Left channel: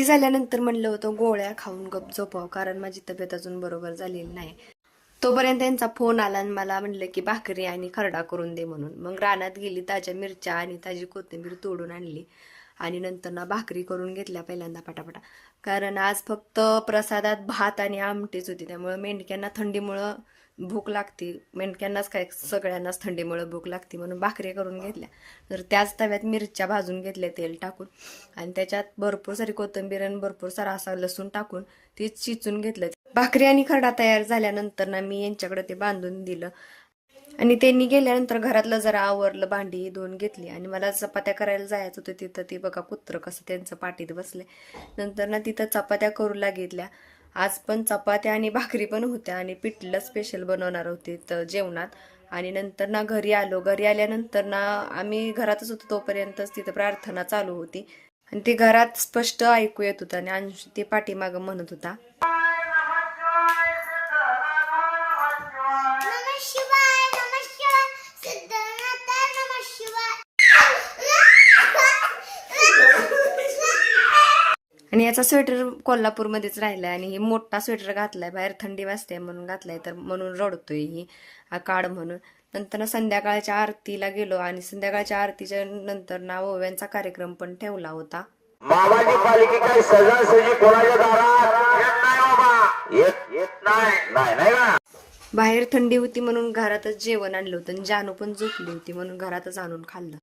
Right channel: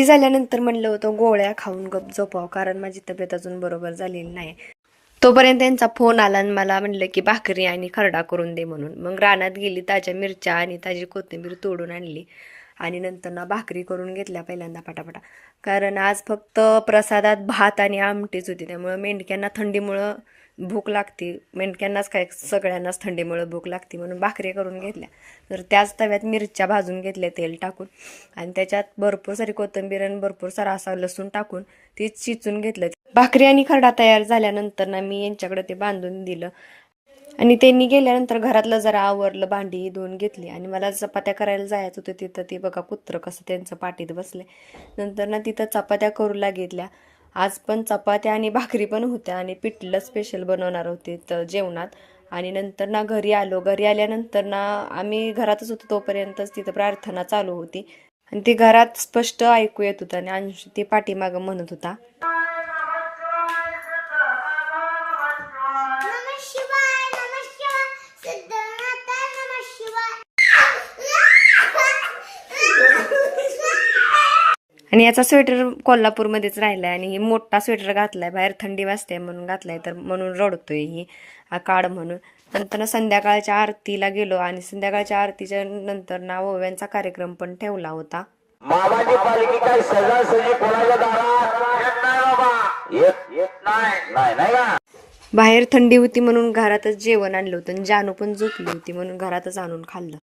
आरती झाल्यानंतर म्हणलं होतं गोळ्या खाऊन गप झोपावं, कारण माझी तब्येत अजून बरोबर झालेली नाही. तोपर्यंत त्यांचा फोन आला आणि मला म्हणलं की भाकरी आणि खरडा करून दे म्हणून. मग रानात गेली, ताज्या मिरच्या आणि ताजी कोथिंबीर तोडून आणली आणि नंतर ना भाकरी करून घेतल्या पहिल्यांदा पटापटा. कारण आज फक्त प्रसादात भात आणि आमटीच होती, त्यामुळं मेंढक्यांना थंडीमुळं भूक लागते. मेंढक्यांनाच काय, सगळ्यांनाच थंडीमुळं भूक लागते, म्हणून भाकरी करून घेतल्या. तर त्याच तव्यात मिरच्या भाजून घेतल्या तेल टाकून, आणि त्याच्यात भरपूर सारी कोथिंबीर आणि भरपूर सारा असा लसूण टाकून ते चिचून घेतलं. भाकरी आणि खरडा तयार झाल्यानंतर ना मी यांच्याकडे ते बांधून दिलं आणि त्यांनी गेल्यानंतर घरातलं जरा आवरलं, भांडी धुवून घेतली आणि मला चपात्या करायला जायचं होतं. तिथं ते बघा कुत्रं कसं त्यांचं पाठीत बसले. नंतर ना तिथं चपात्या करू लागितल्या. आज पण चपात्या आणि भाकरी पण होत्या आणि पिठलं स्पेशल बनवणार होते तर जेवणात. आणि नंतर ना घरी आलो. घरी आल्यानंतर ना आम्ही घरातच होतो, तोपर्यंतच तिथं प्रार्थना चालू होती आणि ती घरात स्पष्ट ऐकू येत होतं आणि अंश ते पाठीमागं म्हणत होता. आणि याचा स्वेटर कोल्हापूरमध्येच राहिलाय आणि मोठा स्वेटर घातलाय, बाहेर थंडी वाजते म्हणून घातलाय, तर म्हणून रडतोय ही काढ म्हणून. नंतर संध्याकाळच्या आरतीला गेलो आणि संध्याकाळच्या आरतीच्या नंतर ना ओव्यांचा कार्यक्रम पण ठेवला होता. मामाची पालखी काय सजासजी कोणाच्या दारात येत नाही बाबा, येत नाही का. बाहेर थंडी होती म्हणून घरातच जेवण आणलं होतं आणि जानू पण झोपली होती म्हणून घरातच आणून खाल्लं.